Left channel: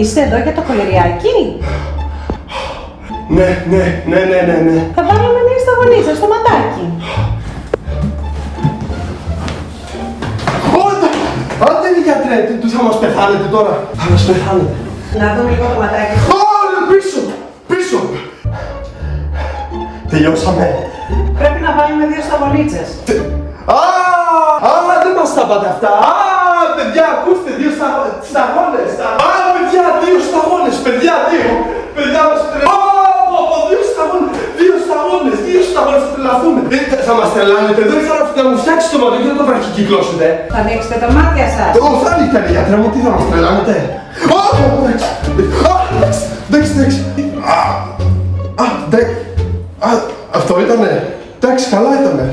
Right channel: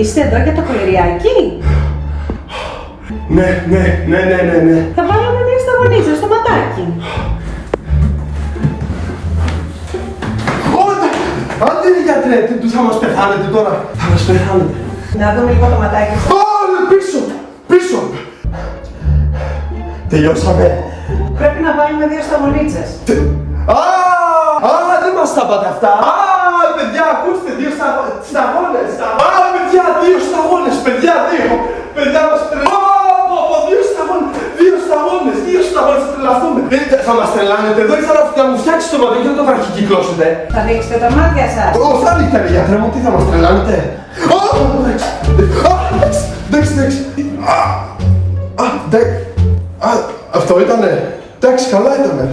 Είστε εδώ για το κολυριάκι? Ναι. Θα βάλουμε 2 σταγονίτσες στο ματάκι. Άντε γιατρέ, τι θα μας πεθάνετε τώρα. Θα μας πεθάνετε. Να δούμε λίγο το ματάκι σας. Πίσω. Τελειώσαμε. Πρέπει να βάλουμε 2 σταγονίτσες. Δεν μας τα πάτε αυτά. Παιδιά, ακούστε, 2 σταγόνες. Παιδιά, 2 σταγόνες. Παιδιά, μας τρελαθούμε. 2 σταγόνες, θα τρελαθούμε. Θα μας τρελάνετε εδώ ή θα μου φτιάξετε το μαντό και δεν το βραχικυκλώσετε. Θα ανοίξετε τα μάτια σας. Θα ανοίξετε, γιατρέ μου, τι θα μας τρελάνετε. Εντάξει. Αυτό ήτανε. Εντάξει, καλά ήτανε.